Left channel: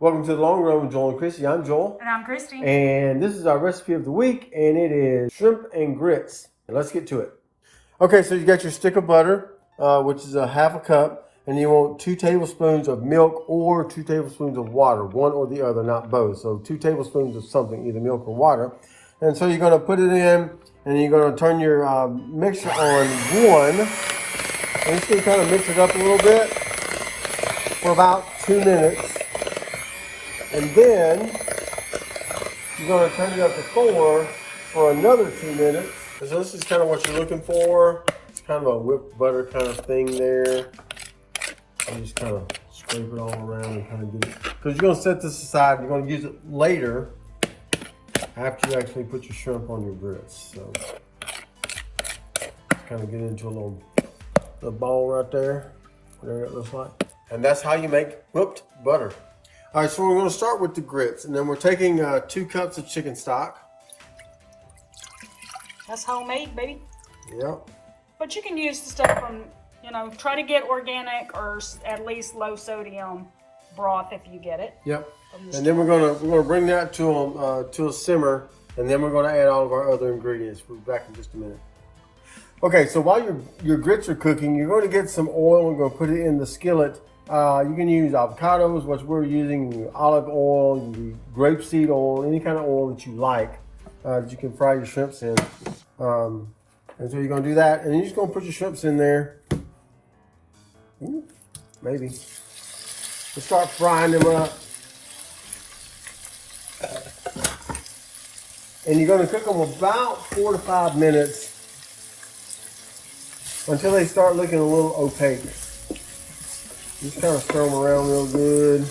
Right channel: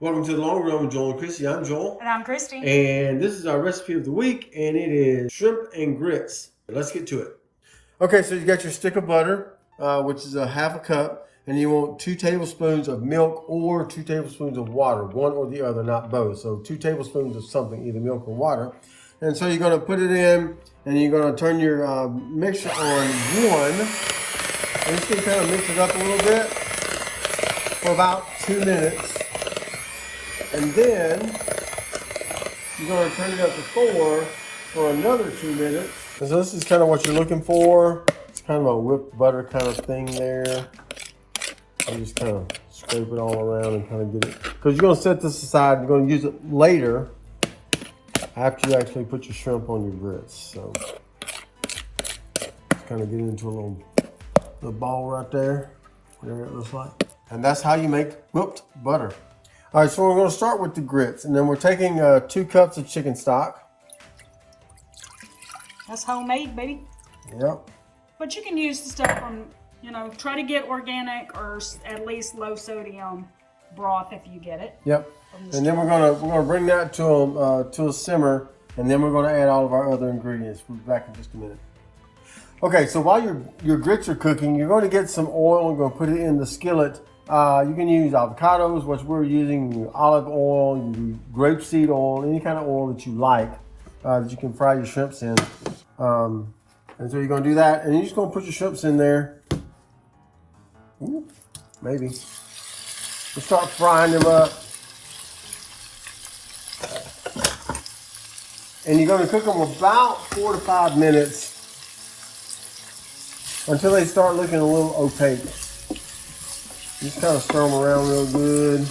Welcome to the Long Run with Joel and Christy. I'm Joel. And I'm Christy. And this is our recipe of the week, and it is shrimp and grits. Let's get to it. Okay, so you got your stick of butter, which is a half a cup, and you want 2 tablespoons of milk or 2 tablespoons of water, one or the other, not both. So 2 tablespoons of something, either milk or water. And so you're going to put it in, and you're going to turn your mixer on 1. And just going to kind of mix it up a little bit for about 2 minutes. And then you're going to turn it up to 4 for another 2 minutes. And so this is kind of what you're looking for. It's kind of a whipped butter kind of thing there. You just kind of scrape it all around and kind of get it. Because you're going to set this aside. You're going to use it later after you actually put your shrimp on your grits. So kind of get into a little ball right there. Whatever it looks like. And that's how you make whipped butter. All right, so we're going to start with the grits, and then we're taking 2 cups of chicken stock. That's homemade, baby. Yep. But you can use the stuff from, try to get organic or at least low sodium broth if you get it. Yep. And then we're gonna bring that to a simmer, and then we're gonna add all of our other ingredients. We'll be back in just a minute. Okay, so while your grits are cooking, you're going to get some oil. We're going to put it in the skillet. You can use avocados, which we're using, olive oil, grapeseed oil, any kind of oil that you like that you can fry your shrimps in. And so you're going to do that, and you're just going to put your shrimps in there. Ooh, maybe. We'll start frying them up. And you're going to cook them about 4 to 5 minutes until they start looking a little opaque. Just kind of stir them around real good. I'm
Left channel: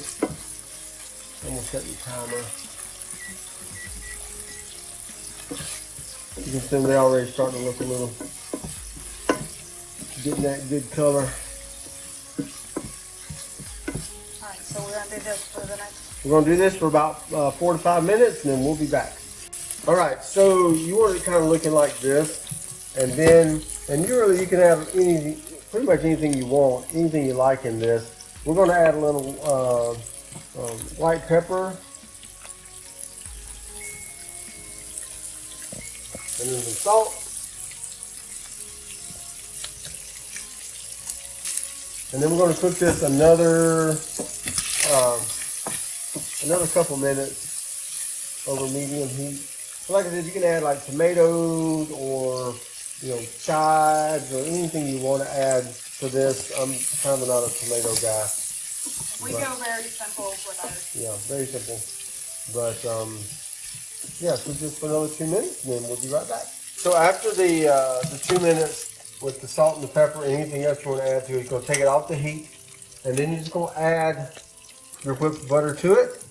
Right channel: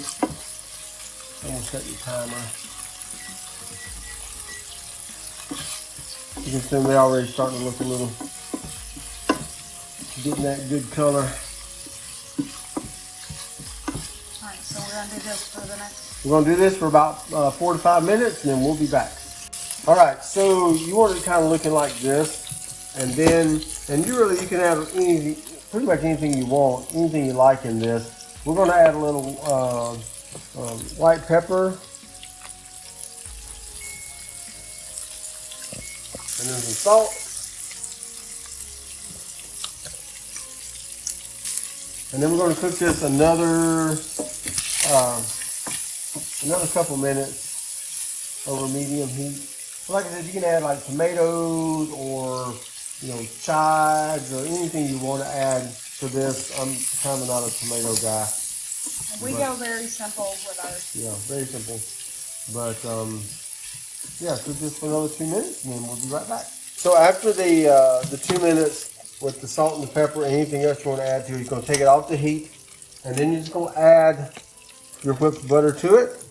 going to set your timer. You can see they're already starting to look a little, getting that good color. Alright, so we're going to do this for the next... We're going to do this for about 4 to 5 minutes, and then we'll be back. Alright, so you want it kind of looking like this. And then, you can add anything, pretty much anything you want, anything you like in this. We're going to add a little white pepper. And then some salt. And then we're going to cook this another couple minutes over medium heat. So like I said, you can add like tomatoes or chives or anything you want to add to this. I'm kind of not a tomato guy. We go very simple with ours. Yeah, very simple. But yeah, so just for another 2 minutes, and then we'll be right back. So after the 2 minutes with the salt and the pepper and anything else you want to add to it, you're going to take it off the heat, and then you're just going to add your whipped butter to it,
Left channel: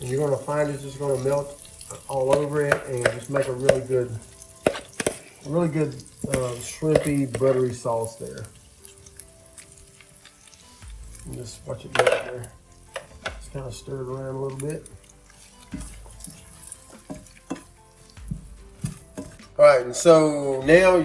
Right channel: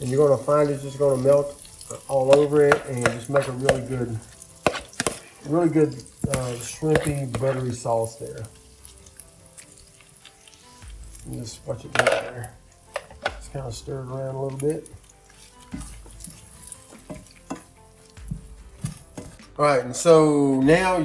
and you're going to find it's just going to melt all over it and just make a really good shrimpy, buttery sauce there. And just watch it go there. Just kind of stir it around a little bit. All right, and so now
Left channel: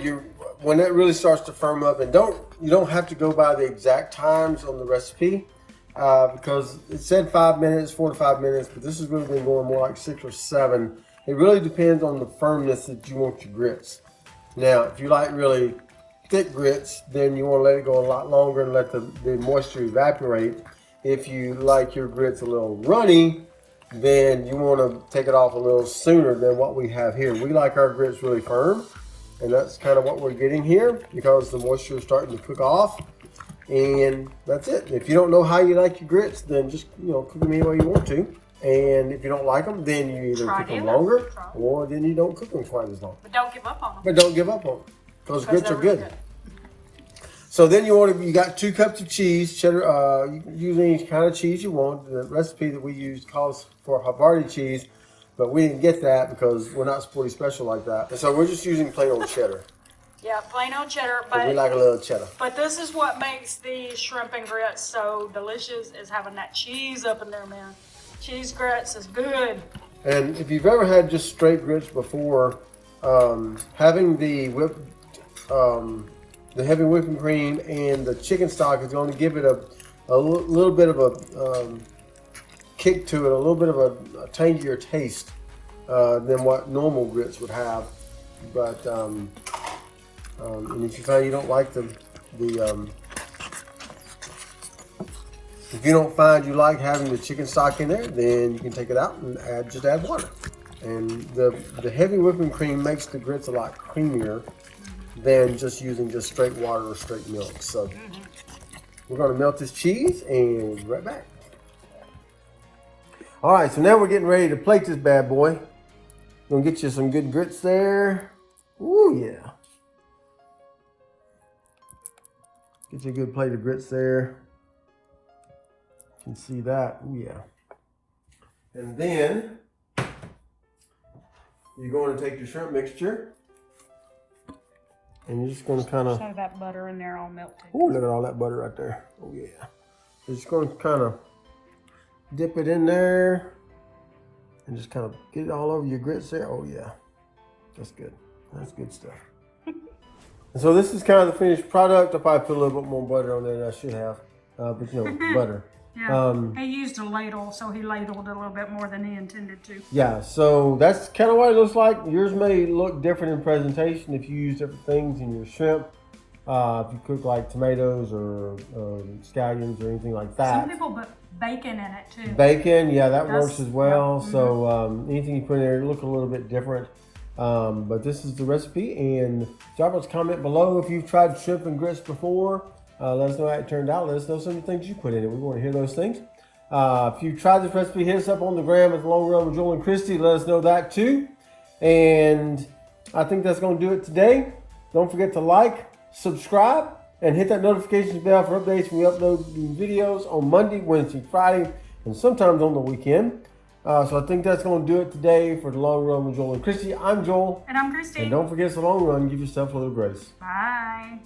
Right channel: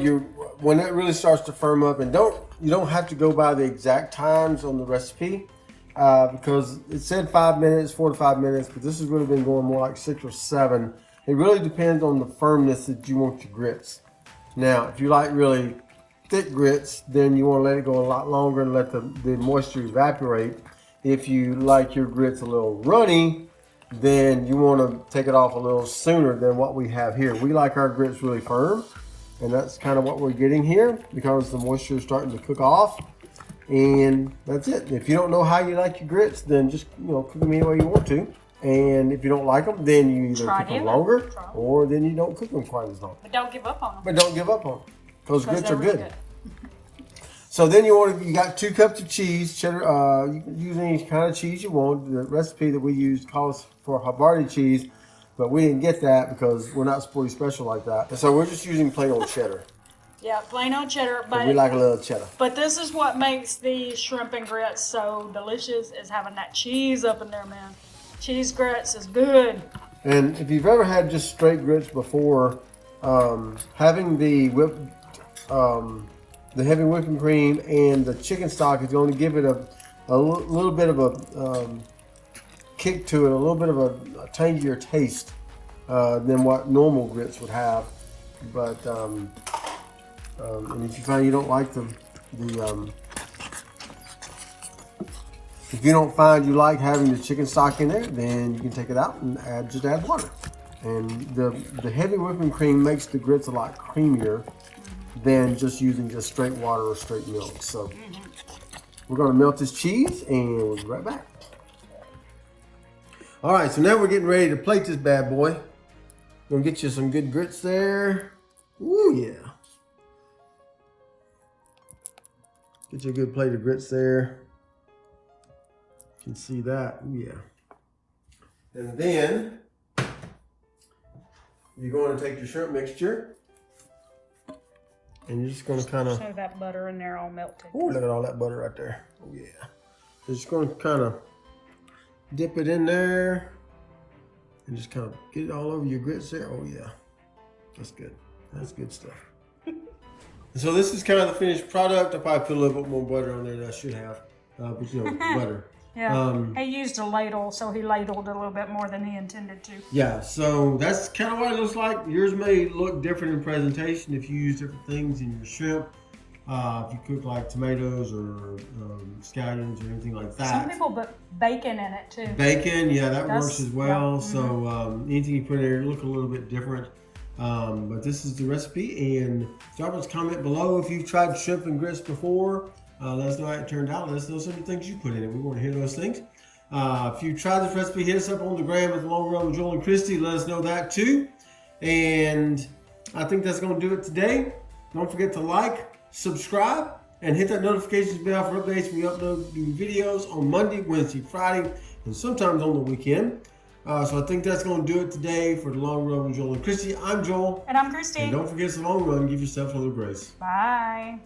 when it really starts to firm up, and you don't have to go by the exact times on the recipe because it said 5 minutes, 4 to 5 minutes, but this has really been going more like 6 or 7. It really depends on the firmness that you want your grits. Now, if you like really thick grits, then you want to let it go a lot longer and let the moisture evaporate. If you like your grits a little runny, then you want to take it off a little sooner than what we have here. We like our grits really firm, and that's kind of what we're getting here because the moisture is starting to cook off, and that's it. If you don't know how you like your grits, then just cook them any way you want to. And if you don't like them, then you either cook them longer or then you don't cook them quite as long. But don't give up on them. But don't give up on them. Those grits are good. So then you got 2 cups of cheese, cheddar. You can use any kind of cheese you want. The recipe that we used calls for Havarti cheese, but we didn't get that because we're not Sporty Special like that. And so we're just using plain old cheddar. Yeah, plain old cheddar. But we like a little cheddar. But this is what makes the shrimp and grits so delicious, is having that cheese up in there, man. Cheese grits is good. And if you've ever had just straight grits before, having the heavy whipping cream and the chicken stock is going to give it a little bit of kick to it, a little bit of a tangier taste than what normal grits would have. But and if you find you don't like if you don't find you like having the chicken stock in there, then you can take it out and just add water. And the heavy whipping cream makes the grits a lot creamier than just using just straight water or straight milk. So we're gonna melt this cheese and we'll be right back. All right, so now we're getting ready to plate this bad boy. Gonna get you some good grits there. Ooh, yeah. Get you a good plate of grits there. You can see that. Ooh, yeah. And then you're going to take your shrimp mixture and you're just going to kind of show that butter in there all melted. Oh, look at all that butter right there. Oh, yeah. So just going to kind of dip it in there and just kind of get it all over your grits there. Oh, yeah. That's good. That's good stuff. And so this is kind of the finished product. I'll probably put a little bit more butter on there than I should have. But, you know, butter. Yeah, he used a ladle, so he ladled a little bit more than he intended to. Yeah, so that's kind of what it looks like. Yours may look different in presentation if you use different things in your shrimp. If you cook like tomatoes or scallions or anything like that. Some people put bacon in it too. Bacon, yeah, that works as well. Yep. So anything you put in there look a little bit different. But this is the recipe, and drop us a comment below if you've tried shrimp and grits before. Let us know how it turned out. Let us know some of the things you put in it. We want to hear those things. If you tried this recipe, hit us up on the gram at the Long Run with Joel and Christy. Let us know that too. And I think that's going to do it today. Don't forget to like, subscribe, and hit that notifications bell for updates when we upload new videos on Monday, Wednesday, Friday, and sometimes on the weekend. So I think that's going to do it today for the Long Run with Joel and Christy. I'm Joel. And I'm Christy. And don't forget, it's a long run. Give yourself a little grace. Bye.